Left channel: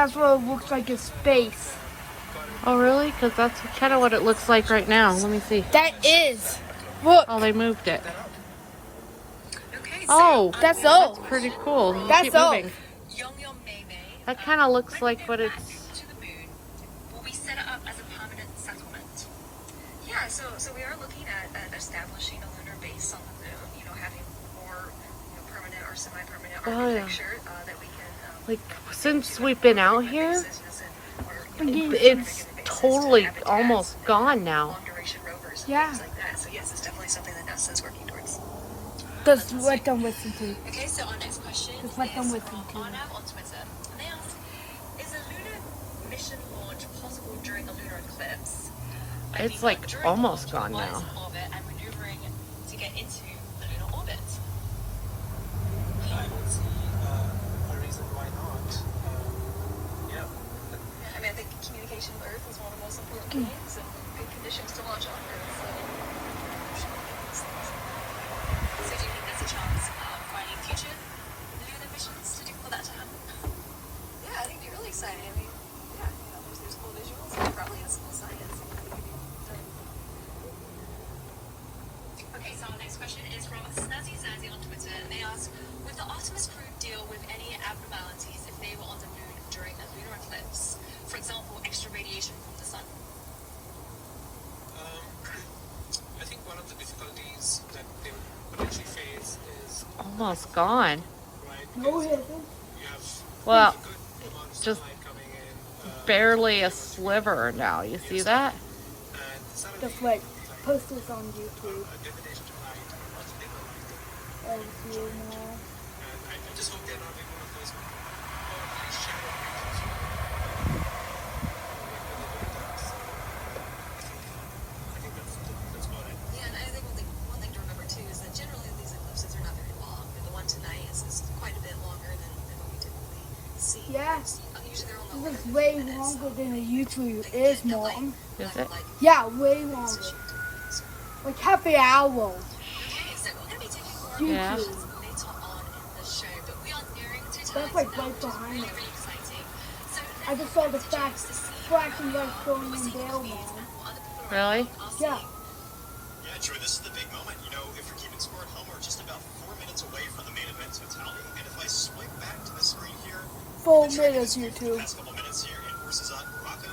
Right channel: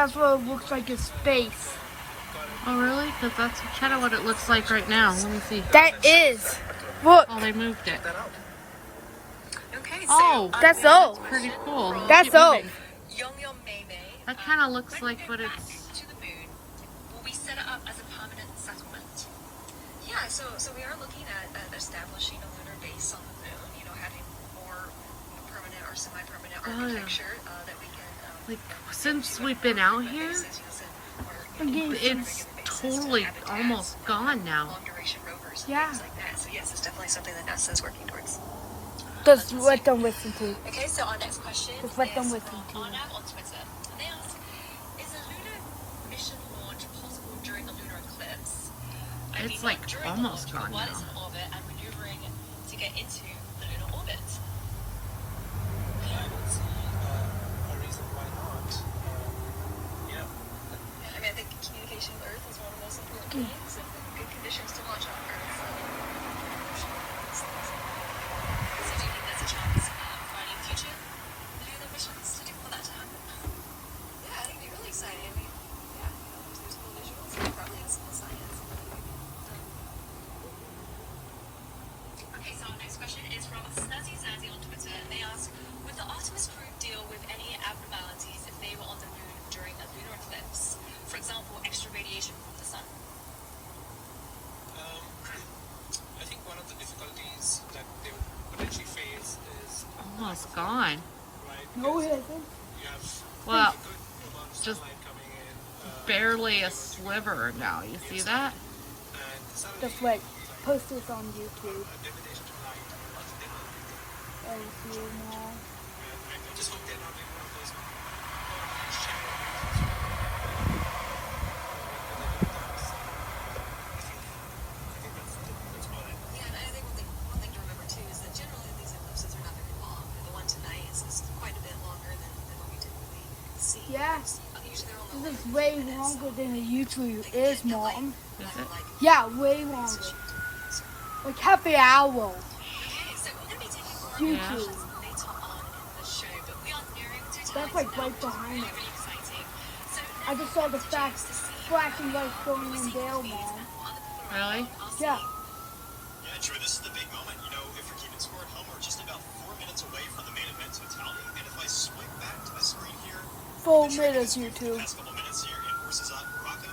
That's what it looks like in space. Oh, really? Because that's kind of what it looks like right now. Let me see. That is. Look. Oh, they moved it. Okay, Oh, that's all. pretty cool. That's Keep all. moving. That kind of looks like what it's... to the moon, will we set it up as a permanent settlement? Yeah, so we are looking at establishing a lunar base on the moon, you know, having more permanent or semi-permanent architecture that we can... like, since we've been out here, it's totally almost gone now. Long-duration rovers and Yeah. things like that. So yes, it's definitely something that NASA is working towards. Just let them listen to. Okay, so our next question Just let them is listen to on it. on Twitter. They ask, is a lunar mission launch possible during a lunar eclipse? It's like during almost the launch, gone was now. in orbit and maneuvering to get into the lunar orbit. I don't see a reason why not. Yeah. I mean, I think communication with Earth is one of the most important things, and good conditions to launch on Earth. So do you think there's a chance for any future lunar missions for that to happen? Yeah, I think it'd be really exciting. I mean, yeah, you know, there's cool visuals and probably has cool science. Okay, so our next question is from Snazzy Zazzy on Twitter, and they ask, would the Artemis crew deal with any abnormalities if they were on the moon during a lunar eclipse? For example, extra radiation from the sun. I think one of the difficulties that they would potentially face is Almost gone. right. No, it isn't. You have Well, a good amount of just sunlight coming in. barely a sliver now. You see that? And suddenly, Just like post this on YouTube. a divination tonight was big. And you know. And I just hope they're not doing one of those shadow paintings. I think that's about it. Yeah, and I think one thing to remember too is that generally these eclipses are not very long. And the one tonight is quite a bit longer than what we typically see. Yeah. Usually they're on the This is way longer than the YouTube is, Mom. Is it? Yeah, way longer. Like half an hour. So we're going to be taking Yeah. YouTube. later on in the show, but we are nearing to time. That's like right behind Really, us. really exciting. So I just saw the flashing lights going on there, Mom. Really? Yeah. Yeah, Joy, this is the big moment. You know, if we're keeping score at home, we're just about 4 minutes away from the main event totality. And if I swipe back to the screen here, 4 the track minutes, is- YouTube. The past couple minutes here in Horses on Morocco,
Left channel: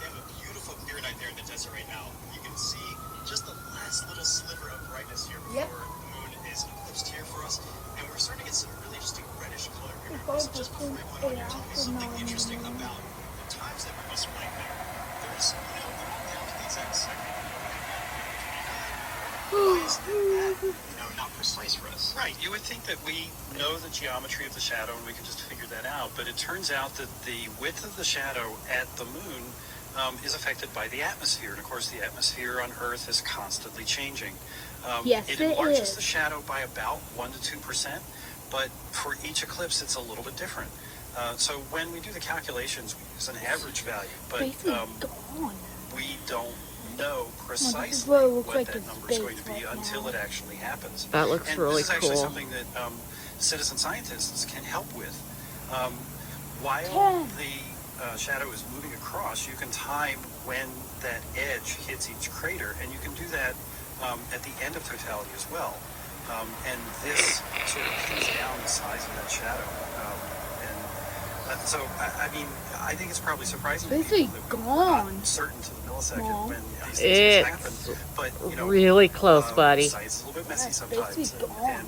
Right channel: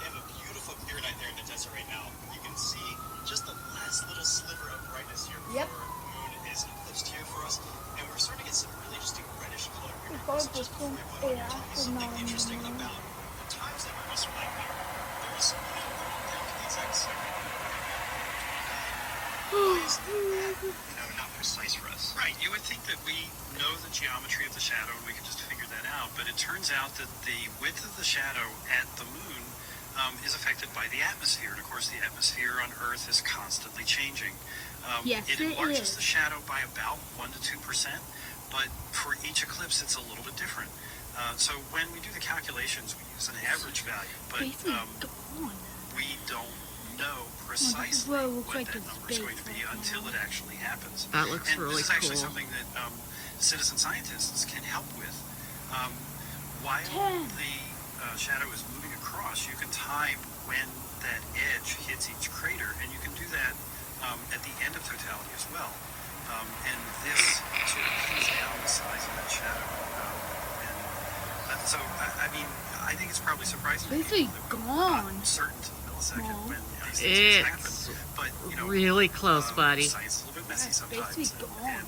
they have a beautiful clear night there in the desert right now. You can see just the last little sliver of brightness here before Yep. the moon is eclipsed here for us. And we're starting to get some really interesting reddish color here. If I So just before we put went on, it tell me after something 9 interesting a.m. about the times that we must right here. There's, you know, down to the exact second. Not precise for us. Right, you would think that we know the geometry of the shadow and we can just figure that out, but it turns out that the width of the shadow at the moon is affected by the atmosphere, and of course the atmosphere on Earth is constantly changing. Yes, it it enlarges is. the shadow by about 1 to 2%, but for each eclipse it's a little bit different. So when we do the calculations, we use an average value, but Basically gone. we don't know precisely what it looks what like that in number is going to space be right until now. it actually happens. That looks And really this is actually cool. something that citizen scientists can help with. While Yeah. the shadow is moving across, you can time when that edge hits each crater, and you can do that at the end of totality as well. And this sort of keys down the size of that shadow. So, I mean, I think it's probably surprising to Basically people that we're gone. not certain to the millisecond Mom. when these things It's happen. But, you know, really close, buddy. Science is a little bit messy That's sometimes. basically gone. And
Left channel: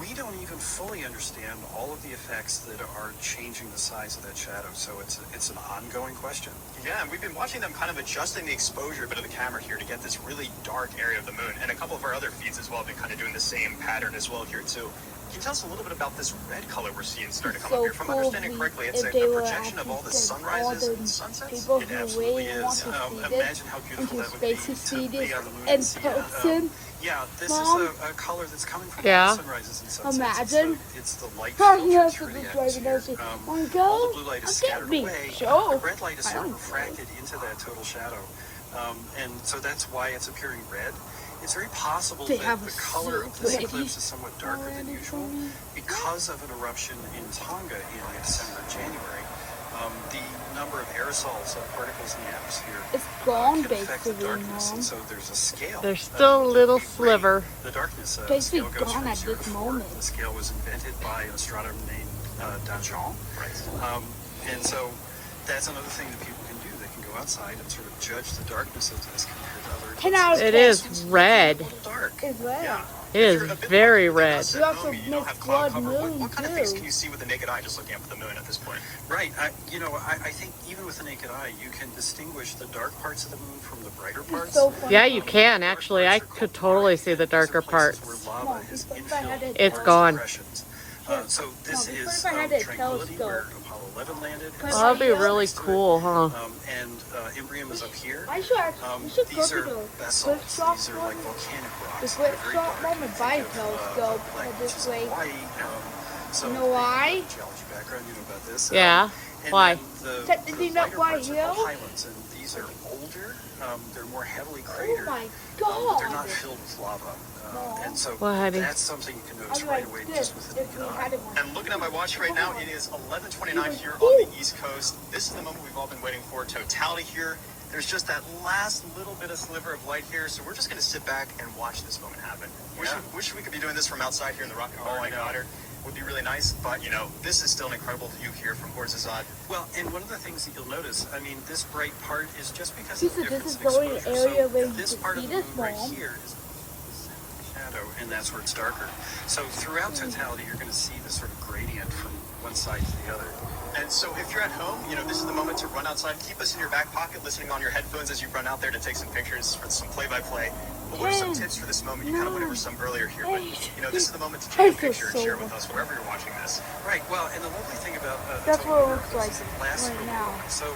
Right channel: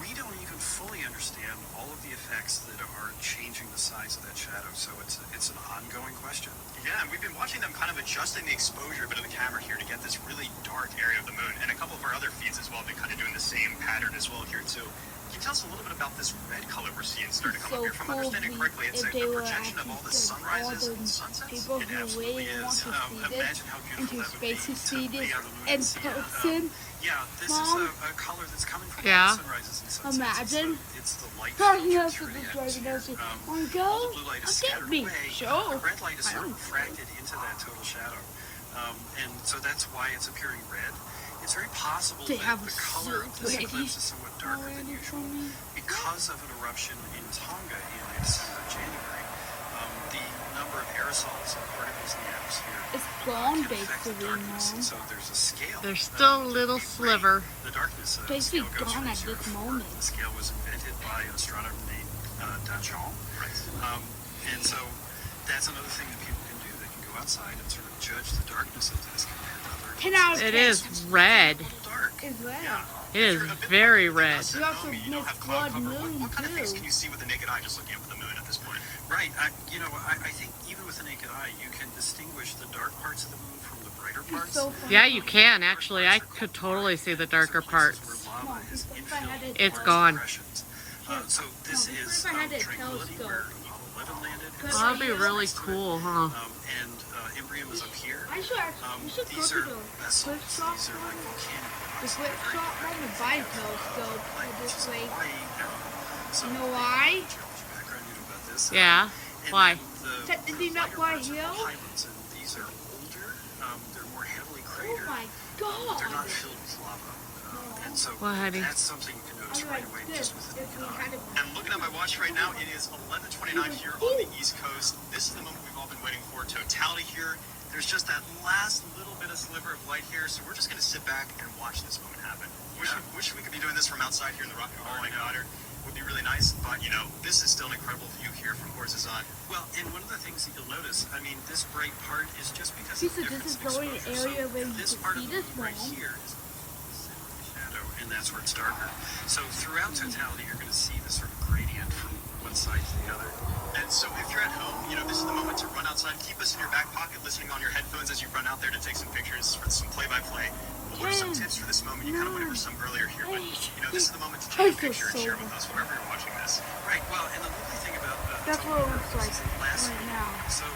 we don't even fully understand all of the effects that are changing the size of that shadow. So it's an ongoing question. Yeah, and we've been watching them kind of adjusting the exposure a bit of the camera here to get this really dark area of the moon. And a couple of our other feeds as well have been kind of doing the same pattern as well here too. Can you tell us a little bit about this red color we're seeing starting to come up here? If I'm understanding correctly, it's a projection of all the sunrises and sunsets. People It who absolutely really is. want to see this Imagine how beautiful into that would be space to to see be this on the moon in and see it. person. Yeah, this Mom? is a color that's coming from Yeah. sunrises and sunsets. Imagine. It's the light Talking filtered about through the the driving atmosphere. us. Want to All go? the blue light is I'll scattered get me. away. Sure. The red light is I sort of don't refracted into that total shadow. And so that's why it's appearing red. It's very possible They that have the a color of suit this ready eclipse is somewhat darker than already usual for me. because of an eruption in Tonga in December, January. The number of aerosols of particles in the atmosphere It's gone, can affect the basically, darkness, Mom. and so there's a scale. There's still a that little we rate sliver. The darkness. The Basically scale goes gone from at 0 this to 4. moment. The scale was invented by an astronomer named Danjon. And so that's another thing that people can do. They can go outside and sort of judge the darkness of this compared to other. 10 out of It 10. is red. A little dark. It's red. Yeah. It is very red. You also You don't missed have cloud blood cover. moon, What kind of things too. can you see with the naked eye just looking up at the moon at this point? Right. I think even with the naked eye, you can distinguish the dark parts of the moon from the brighter parts. So funny. Yeah, you can actually. I could totally see the darker parts. Where lava is No, if I had infilled It's with gone. depressions. So this No, is if I had a Tranquility, telescope. where Apollo 11 landed. Well, Oh, that'd be really cool, huh? And Imbrium is up here. I should, you should go These to are the basalts. flip-flop These are like one. volcanic rocks. The They're very flip-flop dark. one, the Think bike of, telescope, like, this which is way. Hawaii, so You know why? geology background, you know about this. Yeah. And Why? then That- the isn't that lighter why parts are the hill? highlands, and these are older. They're more heavily Oh cratered. my But they're god! not filled with lava. And so Well, honey. that's something you can notice I'm right like away this just with the if we naked had eye. it. And looking at my watch right now, it is 11:29 here on the East Coast. This is the moment we've all been waiting for. Totality here. There's just that last little bit of sliver of light here, so we're just going to sit back and watch this moment happen. Wish we could be doing this from outside here in the Rock and Roll Water. Would be really nice, but you know, this is still an incredible view here from Horizon. Well, and one of the things that you'll notice, I mean, this bright part is just because This of the is- difference this is in the only exposure. area So where you this can part of see the this, moon right Mom. here is shadow, and that's where it's darker. So throughout totality, you're going to see this sort of gradient from one side to the other. And so if you're at home, you know, this is the moment to run outside. Keep us in your back pocket, listening on your headphones as you run out there to take some pictures for some play-by-play. But what are some tips for this moment? You kind of went over some earlier here, but you know, this is the moment to take a picture and share with us wherever you're watching this. Right. Well, and the lovely thing about That's what it looks like last right now. So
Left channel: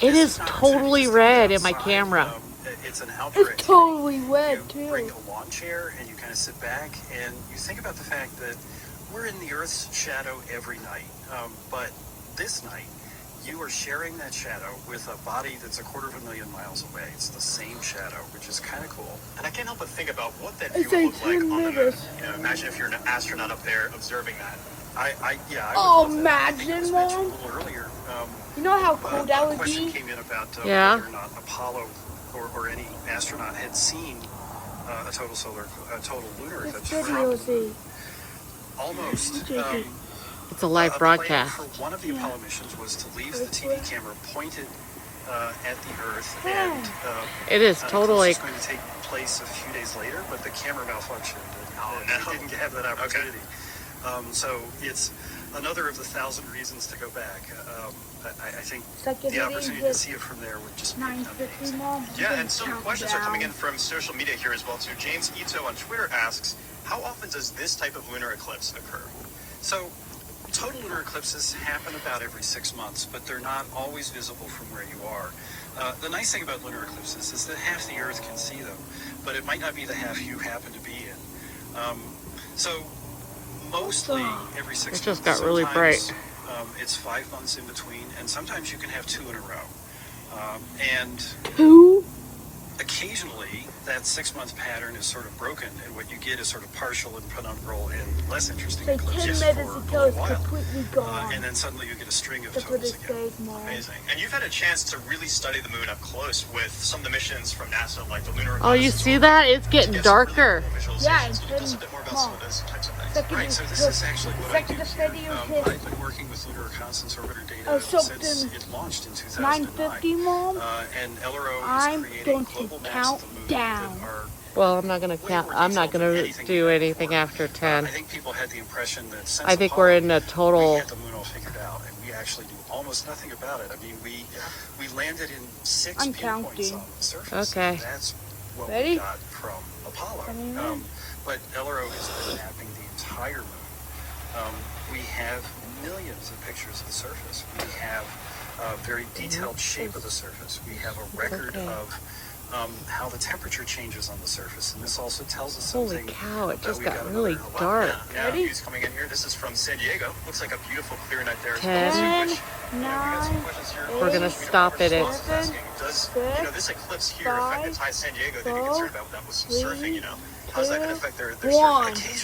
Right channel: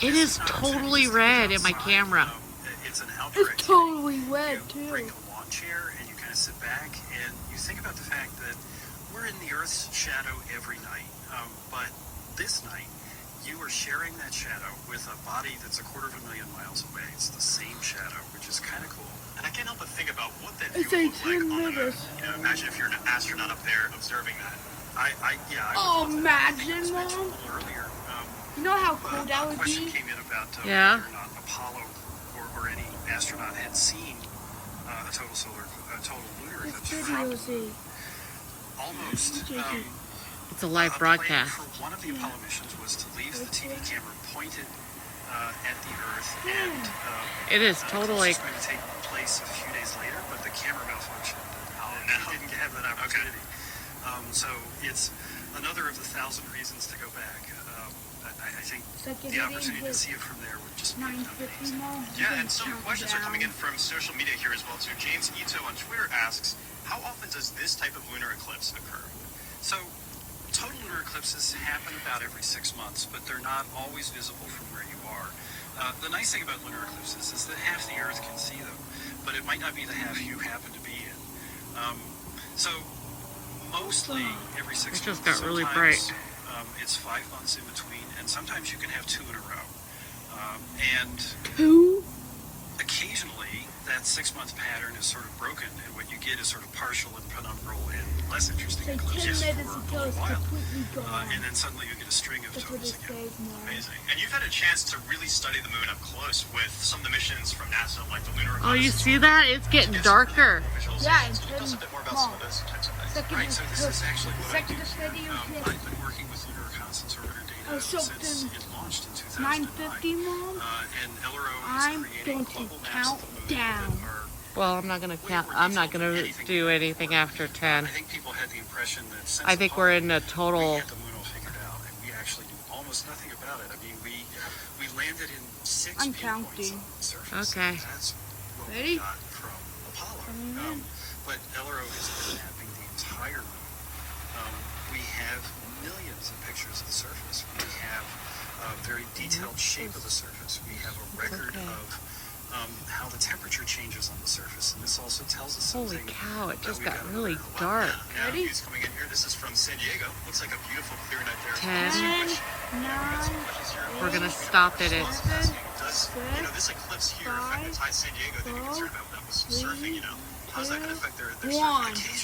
It this is not totally just red in my outside, camera. It's an outdoor It's activity. totally red, You bring too. a lawn chair and you kind of sit back and you think about the fact that we're in the Earth's shadow every night. But this night, you are sharing that shadow with a body that's 250,000 miles away. It's the same shadow, which is kind of cool. And I can't help but think about what that view It's would like look like on the 10 moon. minutes. You know, imagine if you're an astronaut up there observing that. I Oh, would love that. I think it was imagine, mentioned Mom. a little earlier. You know how cool that A would question be? came in about Yeah. whether or not Apollo or any astronaut had seen a total lunar This eclipse. video, see. Almost. It's a live A broadcast. plan for one of the Apollo missions was to leave the TV camera pointed at the Earth, and It is this totally. was going to take place a few days later, but the camera malfunctioned and didn't have that opportunity. So it's another of the 1,000 reasons to go back. I think It's like if the you didn't opportunity to hit see it from there would just be 9:50, Mom. Yeah, and some count questions are coming in down. from social media here as well too. James Ito on Twitter asks, how often does this type of lunar eclipse occur? So, total lunar eclipses happen about every 6 months, but they're not always visible from where you are. The nice thing about lunar eclipses is that half the Earth can see them, but it might not be the half you happen to be in. So, mostly every 6 months. It just got really bright. Sometimes, it's 5 months in between, and sometimes you can have 2 in a row. And Who? occasionally, that 6 month pattern is sort of broken, and what you get is sort of partial and penumbral and less interesting Like 10 eclipses minutes for until a it's while. completely gone. And then suddenly you get a string of That's what totals it again. says, Mom. Amazing. And you've had a chance to really study the moon up close with some of the missions from NASA, like the Lunar. Oh, you see that? It's getting darker. Yeah, and Tell us a bit more about some of those types of things. Second Right, so this is actually what I do. video I've been working with Lunar Reconnaissance Orbiter data Oh, since something it launched in 2009. 9:50, Mom. And LRO I'm is going creating to global maps count of the moon down. that are. Well, I'm not gonna count. I'm not gonna do anything after I 10. think people had the impression that since I think Apollo, we're in a we total. had the moon all figured out, and we actually do almost nothing about it. I mean, we landed in 6 I'm pinpoints counting. on the surface. Okay. And that's what Ready? we got from Apollo. But LRO has been mapping the entire moon. We have millions of pictures of the surface. We have a very detailed shape of the surface. We have a record okay. of how the temperature changes on the surface, and this also tells us Holy something. cow! It that just we've got got really another- dark. Yeah, views coming in here. This is from San Diego. Looks like a beautiful clear night there. 10. We got some questions here. We're gonna stop it at. Asking, does this eclipse here affect the Thai San Diego? They'd be concerned about that with some surfing, you know. How does that affect their surfing? One. Occasionally